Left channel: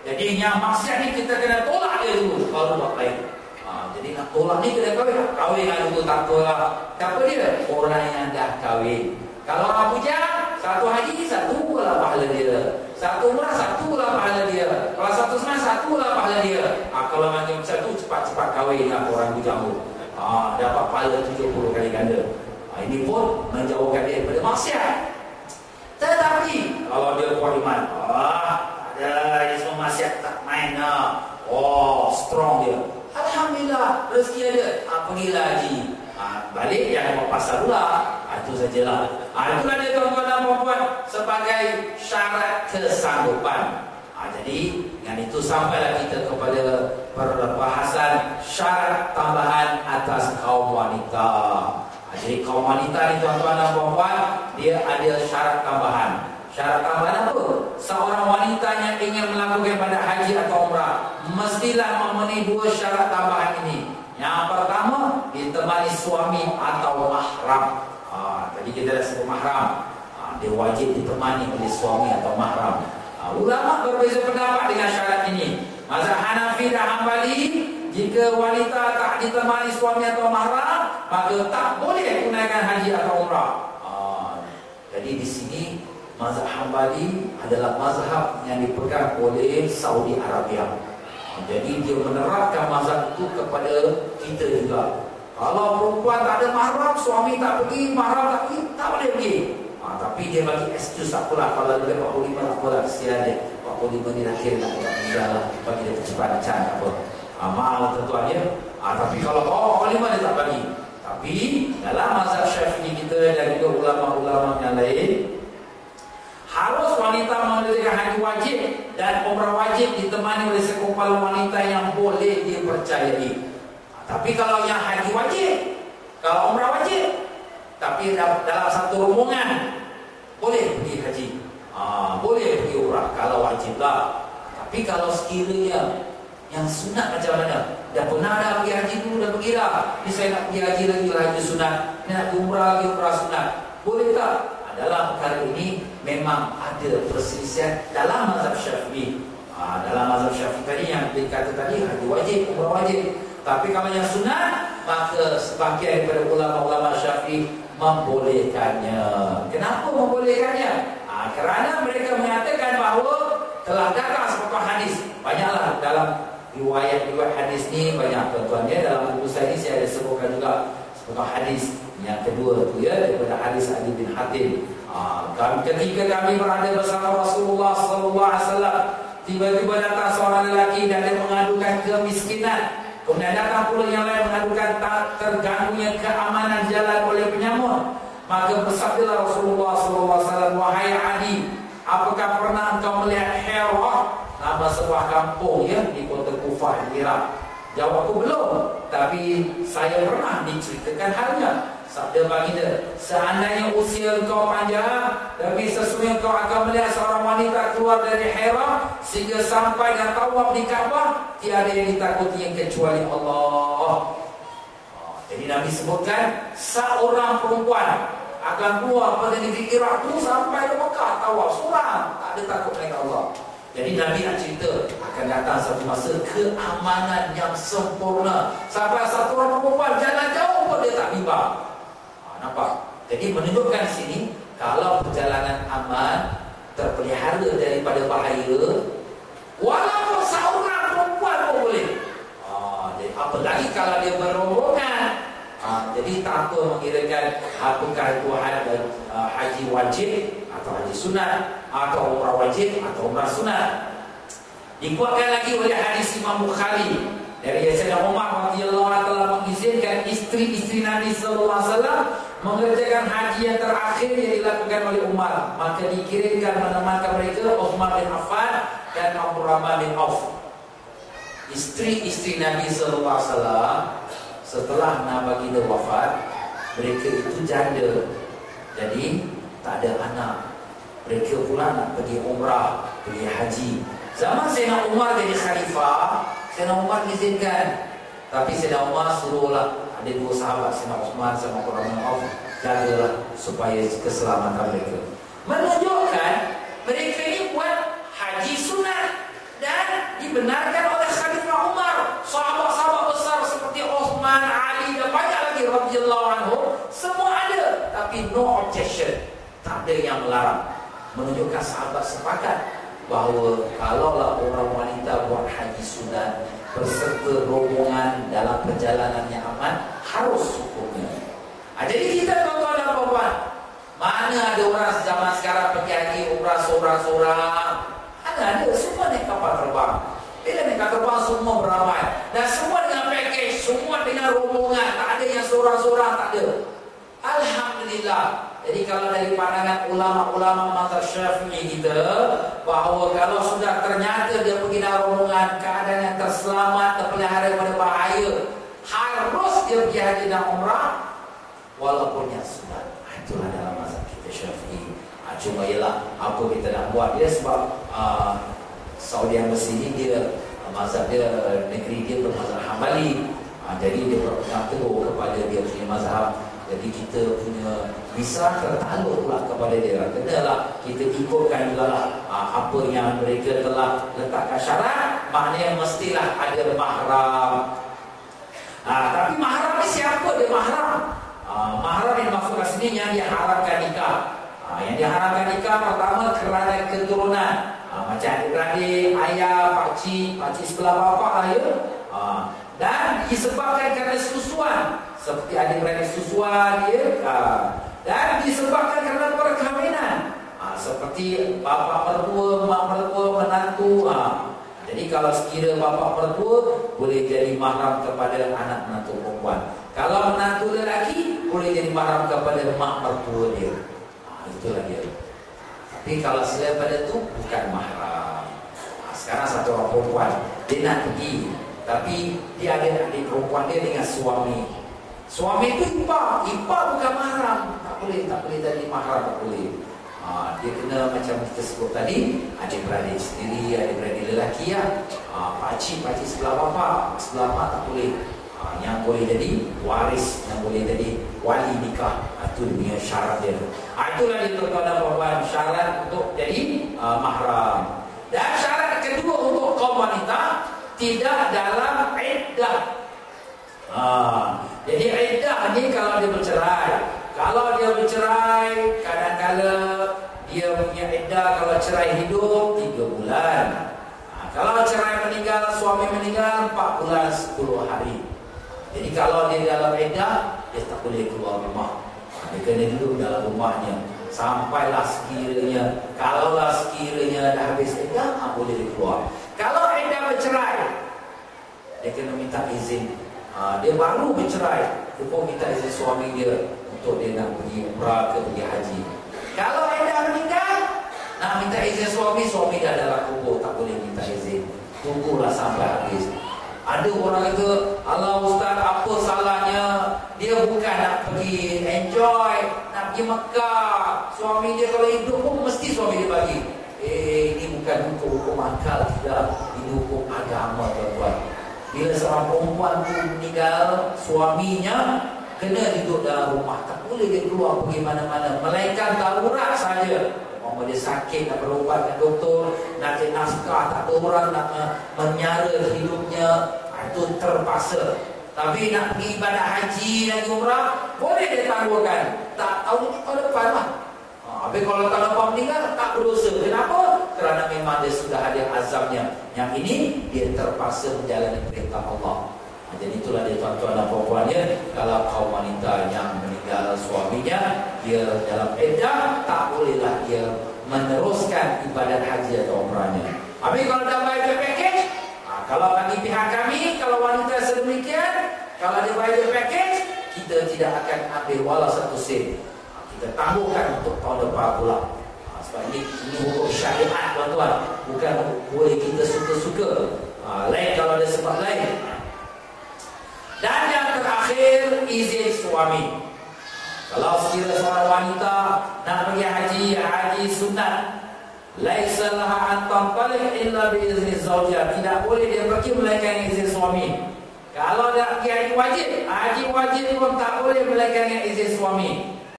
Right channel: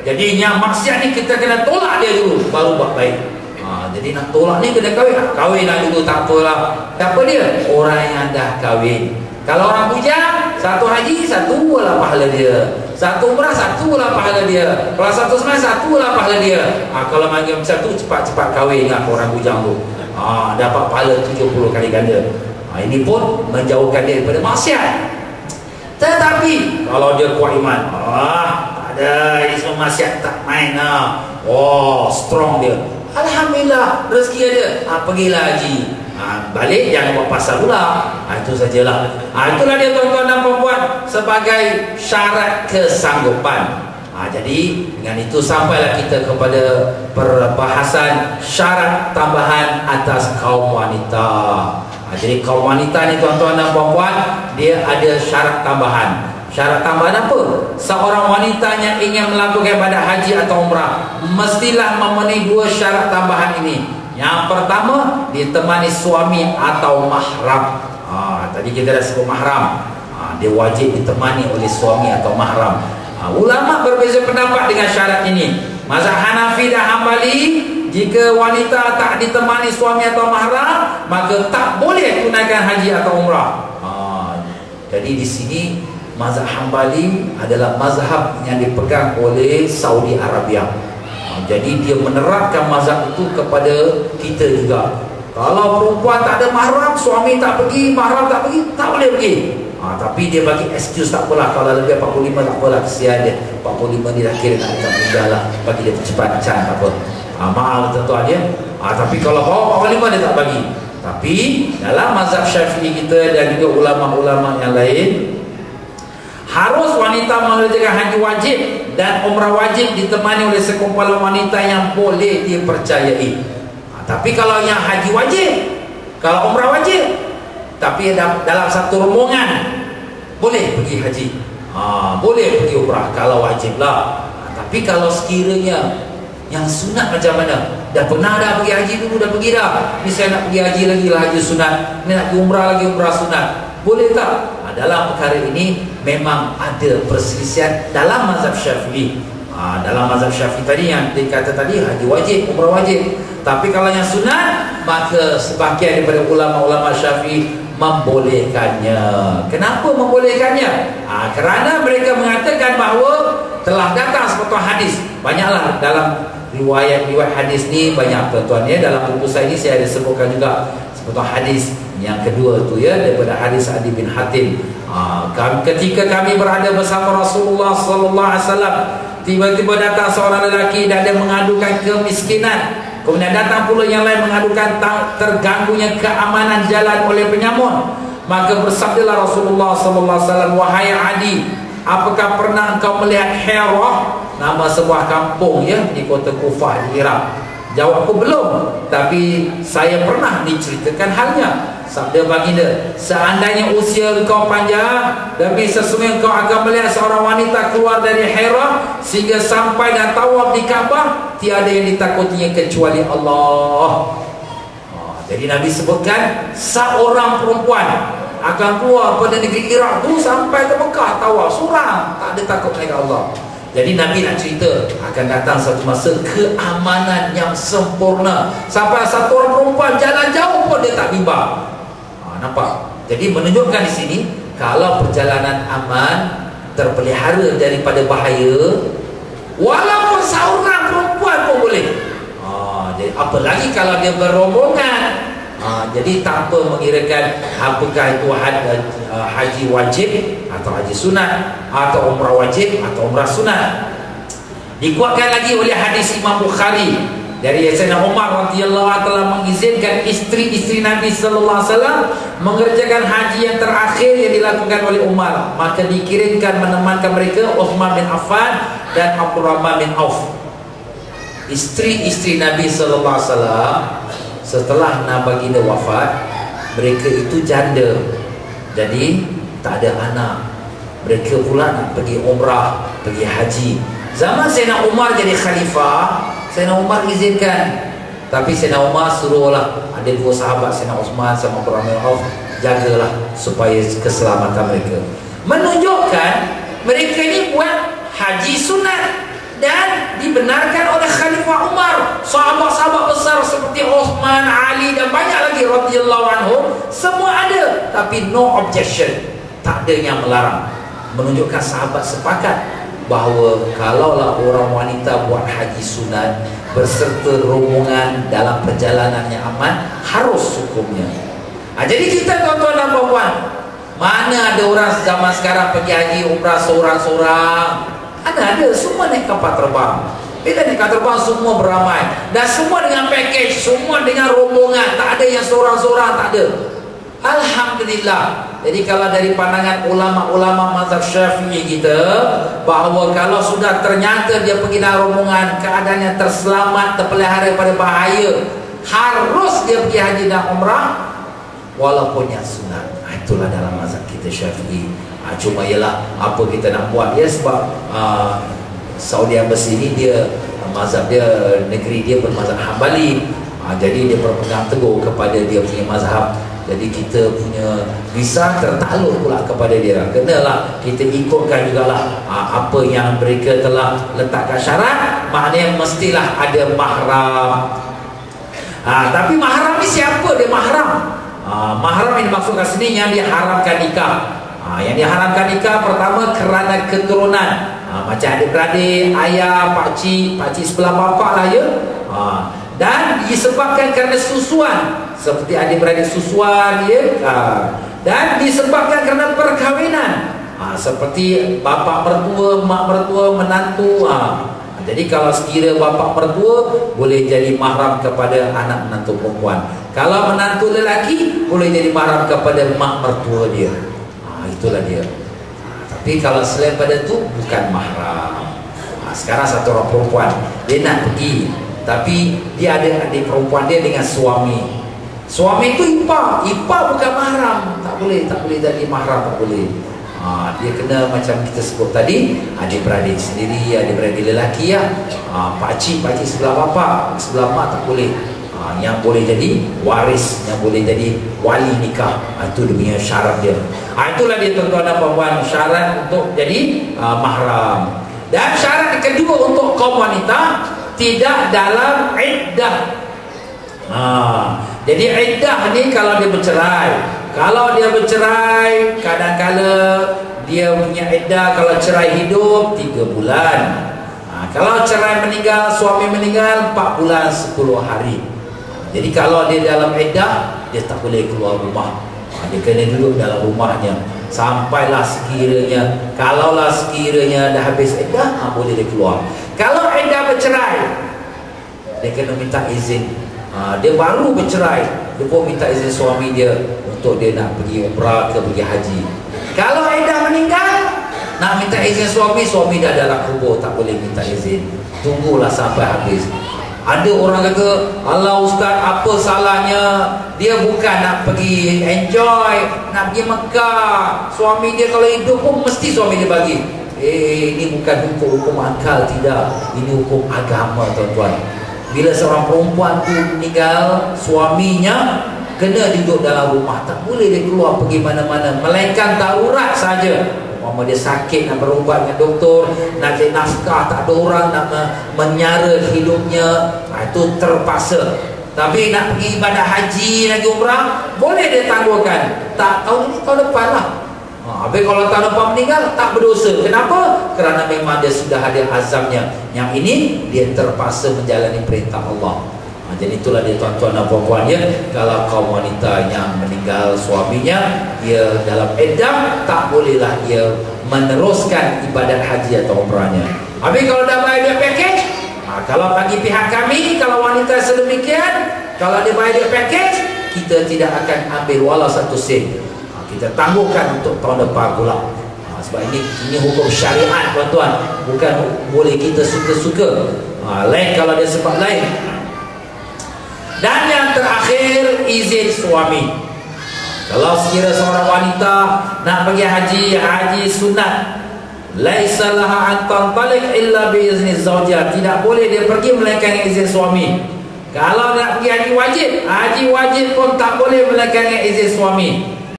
Jadi yang maksiat ni kita kena tolak dia dulu, baru buat baik. Jadi nak tolak ni kena kahwin lah dulu, tak apalah. Tak apa dia? Orang yang dah kahwin. Kalau orang bujang, satu haji, satu lah pahala dia. Satu umrah, satu lah pahala dia. Kalau satu semai, satu lah pahala dia. Kalau macam satu, cepat-cepat kahwin lah orang bujang tu. Dapat pahala 70 kali ganda. Ini pun menjauhkan dia daripada maksiat. Tetapi kalau dia kuat iman, tak ada, ini semua maksiat tak main lah. Strong dia. Alhamdulillah, rezeki ada. Pergilah haji. Balik jangan buat pasal pula. Itu sajalah. Itulah dia tuan-tuan dan puan-puan, sebagai syarat kesanggupan. Jadi dengan itu sampailah kita kepada perbahasan syarat tambahan atas kaum wanita. Jadi kaum wanita ni tuan-tuan dan puan-puan, dia ada syarat tambahan. Syarat tambahan apa? Seorang wanita yang ingin melakukan ibadah haji atau umrah mestilah memenuhi dua syarat tambahan ini. Yang pertama, ditemani suami atau mahram. Tadi kita dah sebut mahram. Dia wajib ditemani oleh suami atau mahram. Ulama berbeza pendapat dengan syarat ini. Mazhab Hanafi dan Hambali, jika wanita tak ditemani suami atau mahram, maka tak boleh tunaikan haji atau umrah. Jadi di sini mazhab Hambali adalah mazhab yang dipegang oleh Saudi Arabia. Jadi dia menerapkan mazhab itu kepada kita juga. Kalau perempuan tak ada mahram, suami tak pergi, mahram tak pergi, tak boleh pergi. Tapi dia bagi excuse, tak apalah, kalau lebih 45 tak apalah, kesian dia. 45 ni dah kira nak dekat meninggal lah, bagi dia percepat can, tak apa. Maaf tuan-tuan dia. Tapi kalau bawah 45 dia tak bagi. Tapi dalam mazhab Syafi'i kita dan juga ulama-ulama yang lain, harus wanita mengerjakan haji wajib dan umrah wajib ditemani oleh sekumpulan wanita yang boleh dipercayai. Tapi kalau yang haji wajib, kalau umrah wajib, tapi dalam satu rombongan, boleh pergi haji, boleh pergi umrah kalau wajib lah. Tapi kalau sekiranya yang sunat macam mana? Dah pernah dah pergi haji dulu, dah pergi dah. Ni saya nak pergi haji lagi lah, haji sunat. Ni nak pergi umrah lagi, umrah sunat. Boleh tak? Dalam perkara ini memang ada perselisihan dalam mazhab Syafi'i. Dalam mazhab Syafi'i tadi yang dikata tadi, haji wajib, umrah wajib. Tapi kalau yang sunat, maka sebahagian daripada ulama-ulama Syafi'i membolehkannya. Kenapa membolehkannya? Kerana mereka mengatakan bahawa telah datang sepotong hadis. Banyaklah dalam riwayat-riwayat hadis ni, banyak tuan-tuan ya. Dalam buku saya ni saya ada sebutkan juga sepotong hadis. Yang kedua tu ya, daripada hadis Adi bin Hatim. Ketika kami berada bersama Rasulullah sallallahu alaihi wasallam, tiba-tiba datang seorang lelaki dan dia mengadukan kemiskinan. Kemudian datang pula yang lain mengadukan terganggunya keamanan jalan oleh penyamun. Maka bersabdalah Rasulullah sallallahu alaihi wasallam, "Wahai Adi, apakah pernah engkau melihat Hirah?" Nama sebuah kampung ya di kota Kufah di Iraq. Jawabku belum, tapi saya pernah diceritakan halnya. Sabda baginda, seandainya usia engkau panjang dan sesungguhnya engkau akan melihat seorang wanita keluar dari Hira sehingga sampai dan tawaf di Kaabah, tiada yang ditakutinya kecuali Allah. Jadi Nabi sebutkan seorang perempuan akan keluar pada negeri Iraq tu sampai ke Mekah tawaf seorang, tak ada takut dengan Allah. Jadi Nabi nak cerita akan datang satu masa keamanan yang sempurna sampai satu orang perempuan jalan jauh pun dia tak bimbang. Nampak? Jadi menunjukkan di sini kalau perjalanan aman, terpelihara daripada bahaya, walaupun seorang perempuan pun boleh. Jadi apalagi kalau dia berombongan. Jadi tak apa mengirakan apakah itu haji wajib atau haji sunat atau umrah wajib atau umrah sunat. Dikuatkan lagi oleh hadis Imam Bukhari dari Sayyidina Umar radhiyallahu anhu telah mengizinkan isteri-isteri Nabi sallallahu alaihi wasallam mengerjakan haji yang terakhir yang dilakukan oleh Umar. Maka dikirimkan menemankan mereka Uthman bin Affan dan Abdurrahman bin Auf. Isteri-isteri Nabi sallallahu alaihi wasallam setelah baginda wafat, mereka itu janda. Jadi tak ada anak. Mereka pula nak pergi umrah, pergi haji. Zaman Sayyidina Umar jadi khalifah, Sayyidina Umar izinkan. Tapi Sayyidina Umar suruhlah ada dua sahabat, Sayyidina Uthman sama Abdurrahman bin Auf, jagalah supaya keselamatan mereka. Menunjukkan mereka ini buat haji sunat dan dibenarkan oleh Khalifah Umar, sahabat-sahabat besar seperti Uthman, Ali dan banyak lagi radhiyallahu anhum, semua ada, tapi no objection, tak ada yang melarang. Menunjukkan sahabat sepakat bahawa kalaulah orang wanita buat haji sunat berserta rombongan dalam perjalanan yang aman, harus hukumnya. Jadi kita tuan-tuan dan puan-puan, mana ada orang zaman sekarang pergi haji umrah seorang-seorang? Ada, semua naik kapal terbang. Bila naik kapal terbang semua beramai, dan semua dengan package, semua dengan rombongan, tak ada yang seorang-seorang, tak ada. Alhamdulillah. Jadi kalau dari pandangan ulama-ulama mazhab Syafi'i kita, bahawa kalau sudah ternyata dia pergi dalam rombongan, keadaannya terselamat, terpelihara daripada bahaya, harus dia pergi haji dan umrah walaupun yang sunat. Itulah dalam mazhab kita Syafi'i. Cuma ialah apa kita nak buat dia, sebab Saudi Embassy ni dia mazhab dia, negeri dia bermazhab Hambali. Jadi dia berpegang teguh kepada dia punya mazhab. Jadi kita punya visa tertakluk pula kepada dia. Kenalah kita ikutkan jugalah apa yang mereka telah letakkan syarat. Maknanya mestilah ada mahram. Tapi mahram ni siapa dia mahram? Mahram yang dimaksudkan sini yang diharamkan nikah. Yang diharamkan nikah pertama kerana keturunan. Macam adik-beradik, ayah, pakcik sebelah bapak lah ya. Dan disebabkan kerana susuan, seperti adik-beradik susuan ya. Dan disebabkan kerana perkahwinan, seperti bapa mertua, mak mertua, menantu. Jadi kalau sekira bapa mertua, boleh jadi mahram kepada anak menantu perempuan. Kalau menantu lelaki, boleh jadi mahram kepada mak mertua dia. Itulah dia. Tapi kalau selain pada itu, bukan mahram. Sekarang satu orang perempuan, dia nak pergi, tapi dia ada adik perempuan dia dengan suami. Suami itu ipar bukan mahram. Tak boleh jadi mahram, tak boleh. Dia kena macam kita sebut tadi, adik-beradik sendiri, adik-beradik lelaki ya. Pakcik sebelah bapa, sebelah mak tak boleh. Yang boleh jadi waris, yang boleh jadi wali nikah, itu dia punya syarat dia. Itulah dia tuan-tuan dan puan-puan, syarat untuk jadi mahram. Dan syarat kedua untuk kaum wanita, tidak dalam iddah. Jadi iddah ni kalau dia bercerai. Kalau dia bercerai, kadang-kala dia punya iddah, kalau cerai hidup 3 bulan. Kalau cerai meninggal, suami meninggal 4 bulan 10 hari. Jadi kalau dia dalam iddah, dia tak boleh keluar rumah. Dia kena duduk dalam rumahnya sampailah sekiranya, kalaulah sekiranya dah habis iddah, boleh dia keluar. Kalau iddah bercerai, dia kena minta izin. Dia baru bercerai, dia pun minta izin suami dia untuk dia nak pergi umrah ke pergi haji. Kalau iddah meninggal, nak minta izin suami dah dalam kubur, tak boleh minta izin. Tunggulah sampai habis. Ada orang kata, "Allah Ustaz, apa salahnya? Dia bukan nak pergi enjoy, nak pergi Mekah. Suami dia kalau hidup pun mesti suami dia bagi." Ini bukan hukum akal, tidak. Ini hukum agama, tuan-tuan. Bila seorang perempuan tu meninggal, suaminya kena duduk dalam rumah, tak boleh dia keluar pergi mana-mana, melainkan darurat saja. Mama dia sakit, nak berubat dengan doktor, nak cari nafkah, tak ada orang nak menyara hidupnya, itu terpaksa. Tapi nak pergi ibadah haji lagi umrah, boleh dia tangguhkan. Tak, tahun ini tahun depan lah. Habis kalau tahun depan meninggal, tak berdosa. Kenapa? Kerana memang dia sudah ada azamnya. Yang ini dia terpaksa menjalani perintah Allah. Jadi itulah dia tuan-tuan dan puan-puan ya. Kalau kaum wanita yang meninggal suaminya, dia dalam iddah, tak bolehlah dia meneruskan ibadat haji atau umrahnya. Habis kalau dah bayar dia package, kalau bagi pihak kami, kalau wanita sedemikian, kalau dia bayar dia package, kita tidak akan ambil walau satu sen. Kita tangguhkan untuk tahun depan pula. Sebab ini hukum syariat, tuan-tuan. Bukan boleh kita suka-suka. Lain kalau dia sebab lain. Dan yang terakhir, izin suami. Kalau sekira seorang wanita nak pergi haji sunat, laisa laha an tantaliq illa bi izni zawjiha, tidak boleh dia pergi melainkan izin suami. Kalau nak pergi haji wajib pun tak boleh melainkan izin suami.